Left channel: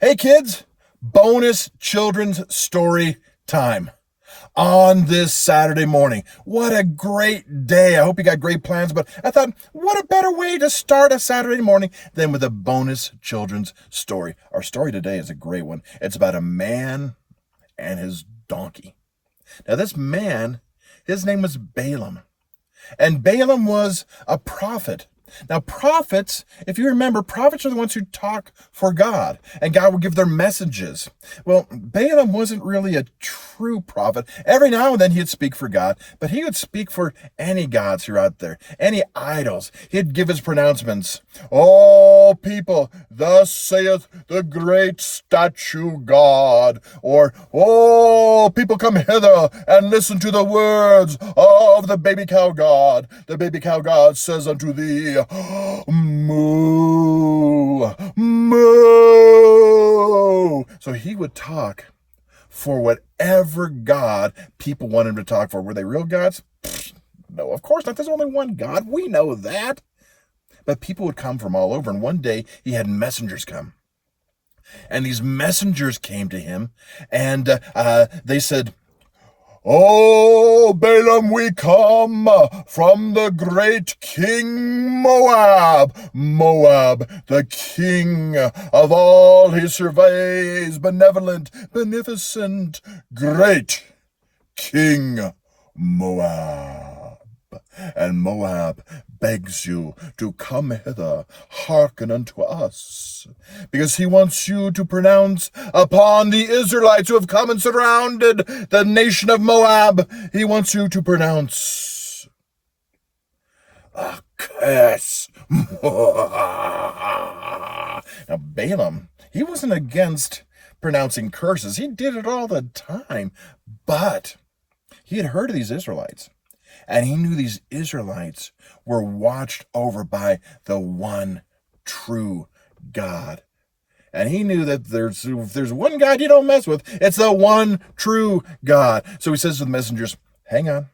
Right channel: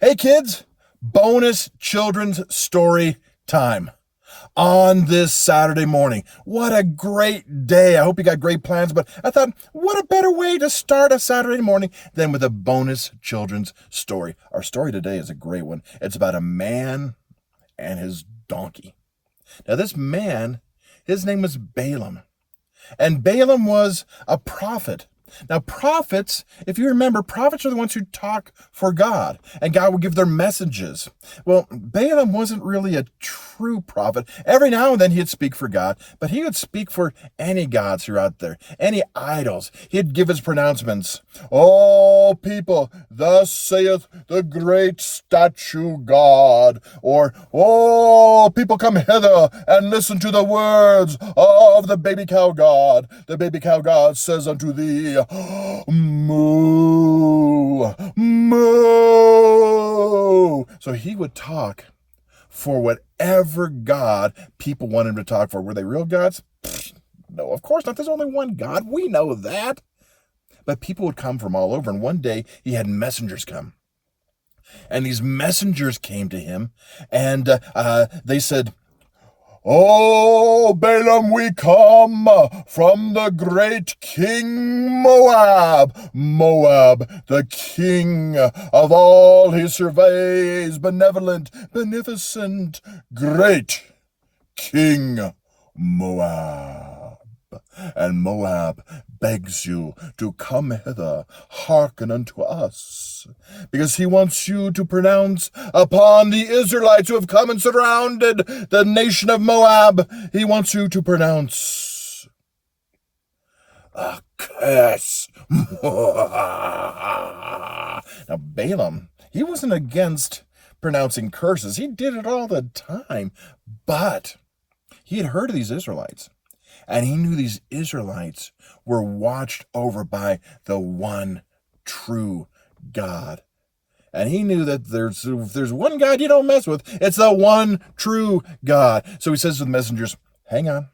Hey kids, bonus children's story time on this Saturday morning. What a great day. I hope you got great plans, but I thought, what a better way to start a Saturday morning than with a bonus children's story. Our story today is a great one. It's about a man and his donkey. Now, this man, his name was Balaam, and Balaam was a prophet. Now, prophets, if you remember, prophets are the ones who talk for God, and God will give their messages. Well, Balaam wasn't really a true prophet. Every now and then he'd speak for God, but he would speak for any gods who are out there, any idols. He'd give his pronouncements. "All people, thus saith the great statue God," or "all people come hither and listen to the words of the baby cow God. The baby cow God says unto thee, moo, moo." So he would talk for whatever God people want him to talk for. Were they real gods? No, of course not. There's only one God. We know that. But people would come from all over. And one day he had messengers come. And these messengers came to him and they said, "Oh, Balaam, we come from the great King Moab. Moab, the king of all he surveys, benevolent, beneficent, great King Moab. And Moab begs you to come hither, hearken unto us, because he wants you to pronounce upon the Israelites who have come and surrounded the nation of Moab. He wants you to pronounce a curse." Now, Balaam, he wasn't against pronouncing curses. He did it all the time, but he had heard of these Israelites. And he knew these Israelites were watched over by the one true God. And he knew that if there's one God you don't mess with, it's the one true God. So he says to the messengers, "Hang on,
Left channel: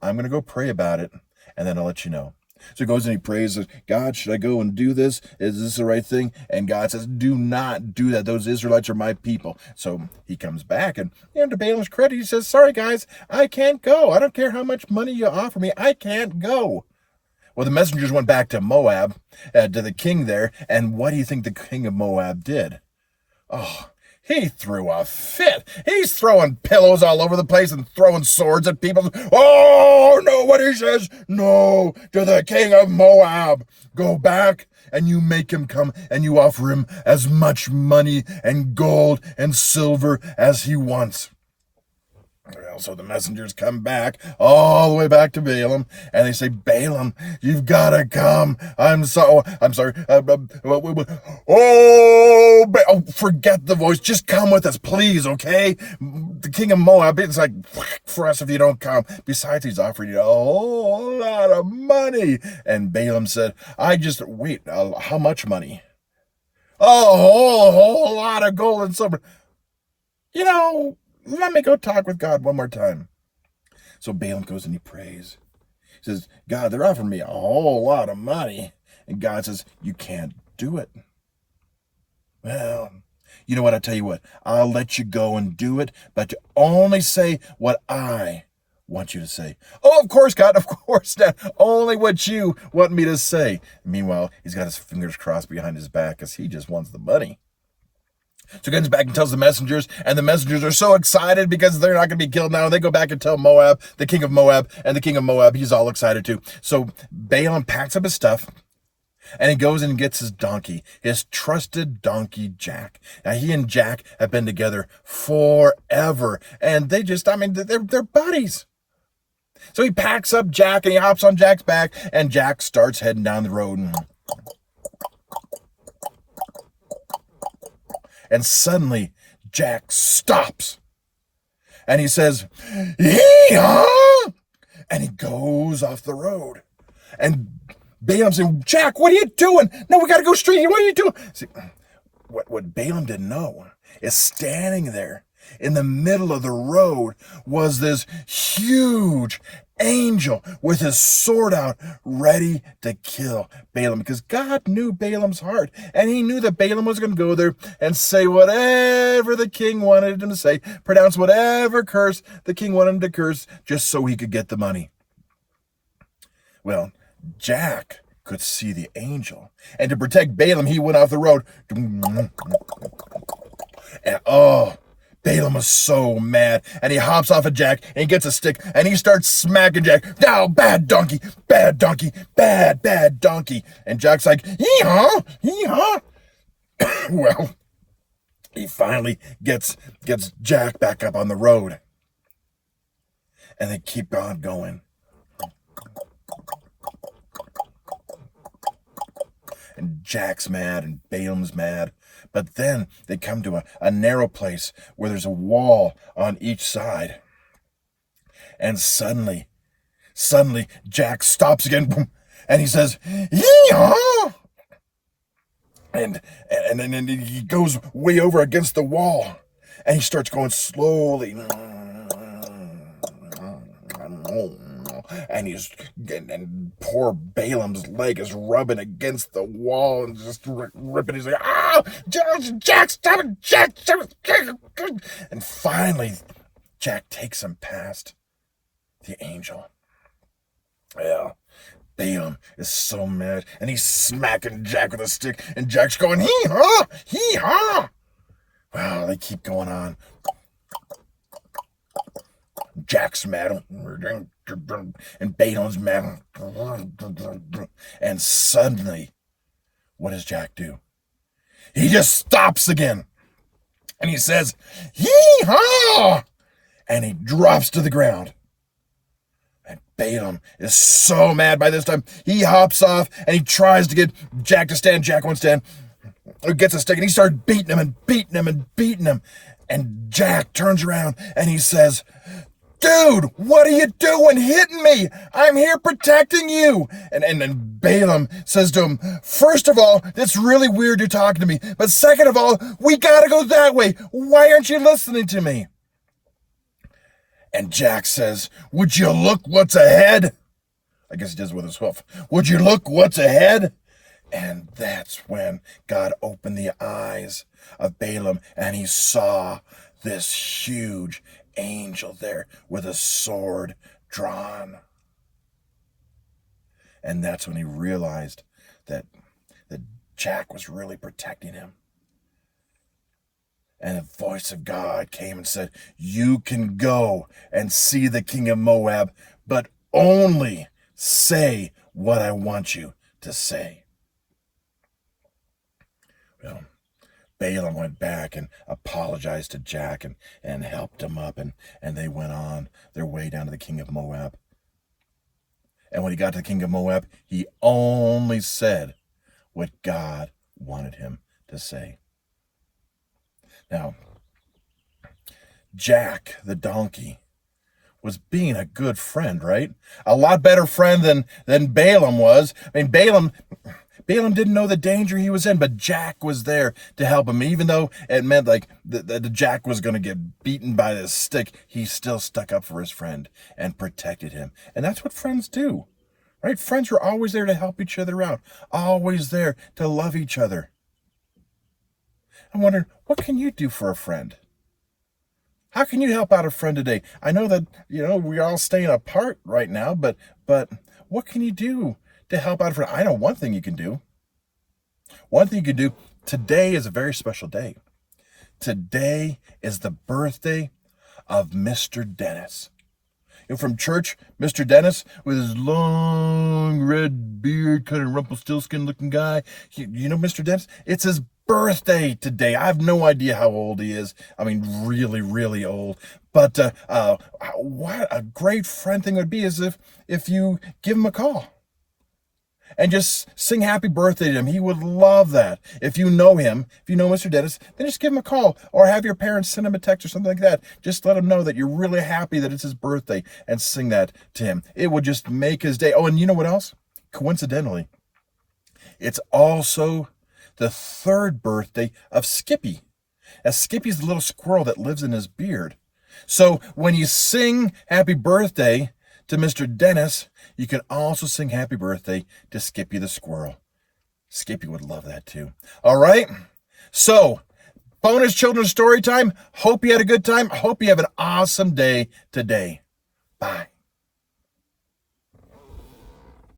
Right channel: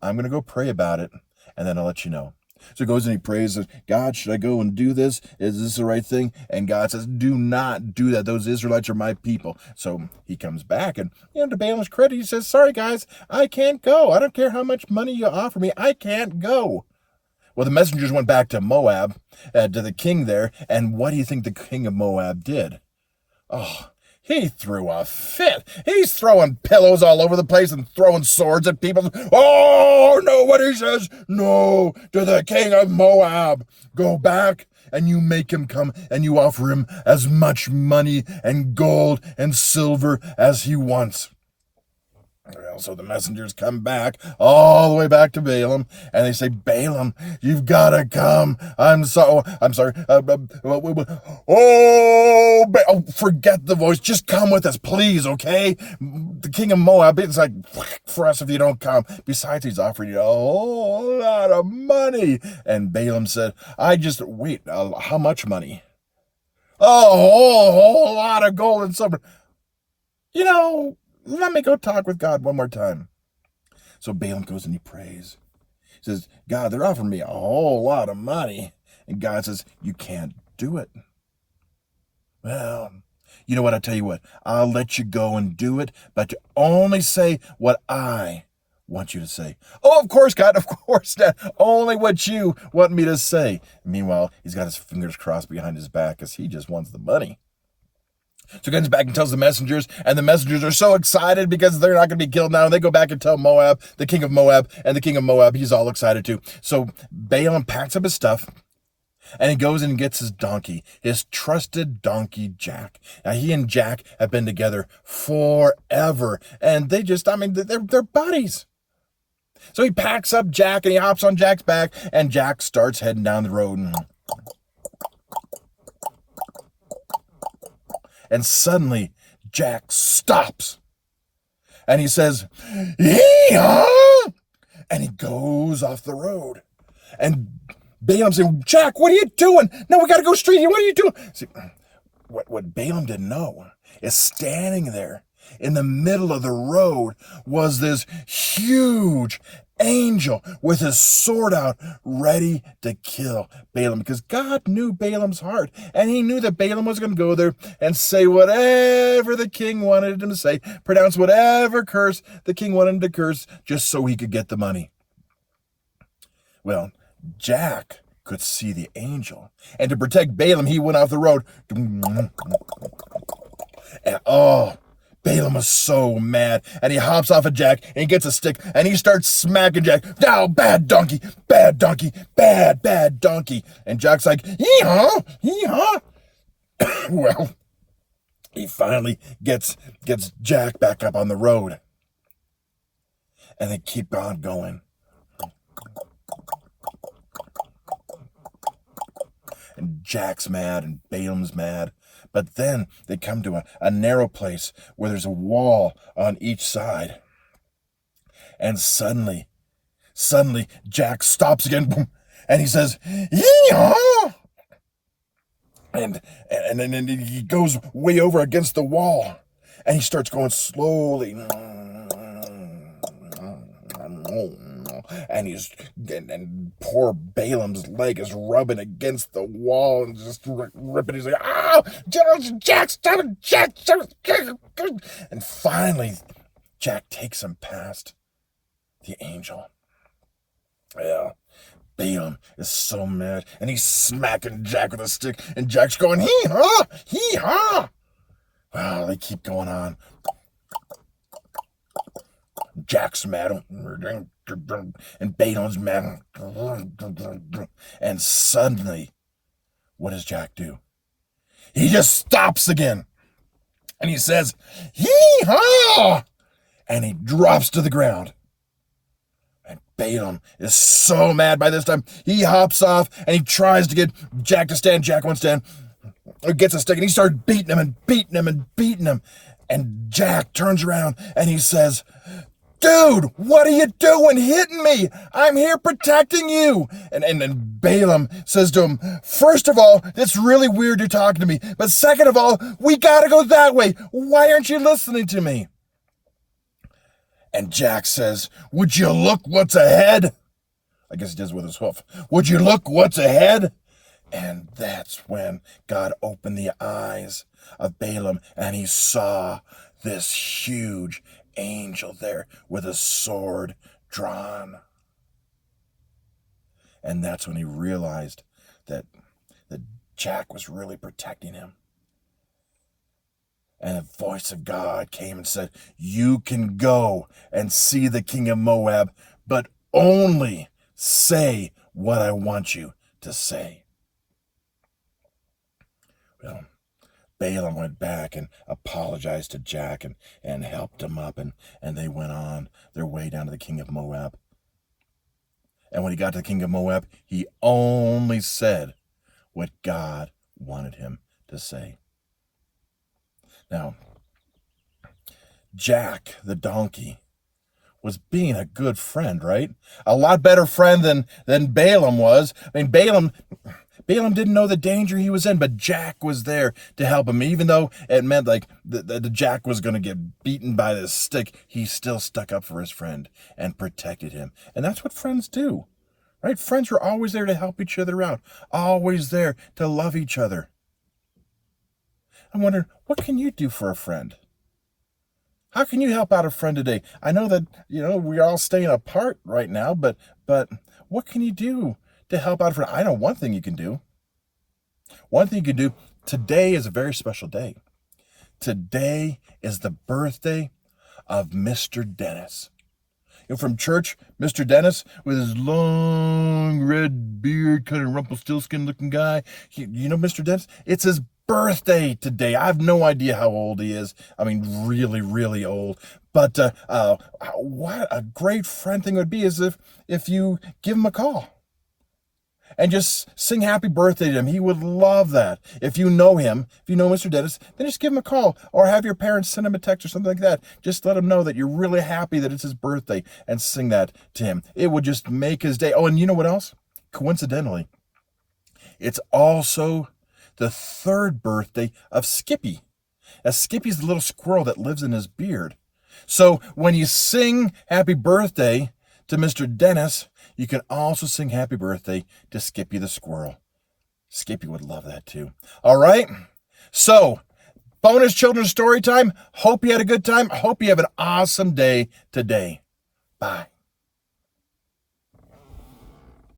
I'm going to go pray about it, and then I'll let you know." So he goes and he prays, "God, should I go and do this? Is this the right thing?" And God says, "Do not do that. Those Israelites are my people." So he comes back, and to Balaam's credit, he says, "Sorry, guys, I can't go. I don't care how much money you offer me. I can't go." Well, the messengers went back to Moab, to the king there, and what do you think the king of Moab did? Oh, he threw a fit. He's throwing pillows all over the place and throwing swords at people. "Oh, no," what he says, "no to the king of Moab. Go back and you make him come and you offer him as much money and gold and silver as he wants." Well, so the messengers come back, all the way back to Balaam, and they say, "Balaam, you've got to come. I'm sorry. Forget the voice. Just come with us, please, okay? The king of Moab, it's like, for us if you don't come. Besides, he's offering you a whole lot of money." And Balaam said, wait, how much money?" "A whole lot of gold and silver. Let me go talk with God one more time." So Balaam goes and he prays. He says, "God, they're offering me a whole lot of money." And God says, "You can't do it." "Well, you know what? I'll tell you what. I'll let you go and do it, but you only say what I want you to say." "Oh, of course, God, of course, Dad. Only what you want me to say." Meanwhile, he's got his fingers crossed behind his back because he just wants the money. So he comes back and tells the messengers, and the messengers are so excited because they're not going to be killed now. And they go back and tell Moab, the king of Moab, and the king of Moab, he's all excited too. So Balaam packs up his stuff, and he goes and gets his donkey, his trusted donkey, Jack. Now, he and Jack have been together forever, and they're buddies. So he packs up Jack, and he hops on Jack's back, and Jack starts heading down the road. And suddenly, Jack stops. And he says, "Yee-haw!" And he goes off the road. And Balaam said, "Jack, what are you doing? No, we got to go straight here. What are you doing?" See, what Balaam didn't know is standing there in the middle of the road was this huge angel with his sword out, ready to kill Balaam, because God knew Balaam's heart, and he knew that Balaam was going to go there and say whatever the king wanted him to say, pronounce whatever curse the king wanted him to curse, just so he could get the money. Well, Jack could see the angel, and to protect Balaam, he went off the road. And Balaam was so mad, and he hops off of Jack, and he gets a stick, and he starts smacking Jack. Now, bad donkey, bad donkey, bad donkey. And Jack's like, hee-haw, hee-haw. Well, he finally gets Jack back up on the road. And they keep on going. And Jack's mad, and Balaam's mad. But then they come to a narrow place where there's a wall on each side. And suddenly, Jack stops again, boom, and he says, yee-haw! And then he goes way over against the wall, and he starts going slowly. And poor Balaam's leg is rubbing against the wall and just ripping. He's like, "Ah, Jack, stop it, Jack, stop it!" And finally, Jack takes him past the angel. Well, Balaam is so mad, and he's smacking Jack with a stick, and Jack's going, hee-haw, hee-haw. Well, they keep going on. Jack's mad, and Balaam's mad. And suddenly, what does Jack do? He just stops again. And he says, hee-haw! And he drops to the ground. And Balaam is so mad by this time. He hops off, and he tries to get Jack to stand. Jack won't stand. He gets a stick, and he starts beating him and beating him and beating him. And Jack turns around, and he says, "Dude, what are you doing hitting me? I'm here protecting you." And Balaam says to him, "First of all, it's really weird you're talking to me. But second of all, we gotta go that way. Why aren't you listening to me?" And Jack says, "Would you look what's ahead?" I guess he does with his hoof. "Would you look what's ahead?" And that's when God opened the eyes of Balaam, and he saw this huge angel there with a sword drawn. And that's when he realized that Jack was really protecting him. And the voice of God came and said, "You can go and see the king of Moab, but only say what I want you to say." Well, Balaam went back and apologized to Jack and helped him up, and they went on their way down to the king of Moab. And when he got to the king of Moab, he only said what God wanted him to say. Now, Jack the donkey was being a good friend, right? A lot better friend than Balaam was. I mean, Balaam didn't know the danger he was in, but Jack was there to help him. Even though it meant like the Jack was going to get beaten by this stick, he still stuck up for his friend and protected him. And that's what friends do, right? Friends are always there to help each other out, always there to love each other. I'm wondering, what can you do for a friend? How can you help out a friend today? I know that, we're all staying apart right now, but what can you do to help out a friend? I know one thing you can do. One thing you can do. Today is a very special day. Today is the birthday of Mr. Dennis. From church, Mr. Dennis, with his long red beard, kind of Rumpelstiltskin looking guy. Mr. Dennis? It's his birthday today. I have no idea how old he is. I mean, really, really old. But what a great friend thing would be is if you give him a call and just sing happy birthday to him. He would love that. If you know him, if you know Mr. Dennis, then just give him a call or have your parents send him a text or something like that. Just let him know that you're really happy that it's his birthday and sing that to him. It would just make his day. Oh, and you know what else? Coincidentally, it's also the third birthday of Skippy. As Skippy's the little squirrel that lives in his beard. So when you sing happy birthday to Mr. Dennis, you can also sing happy birthday to Skippy the squirrel. Skippy would love that too. All right? So, bonus children's story time. Hope you had a good time. Hope you have an awesome day today. Bye.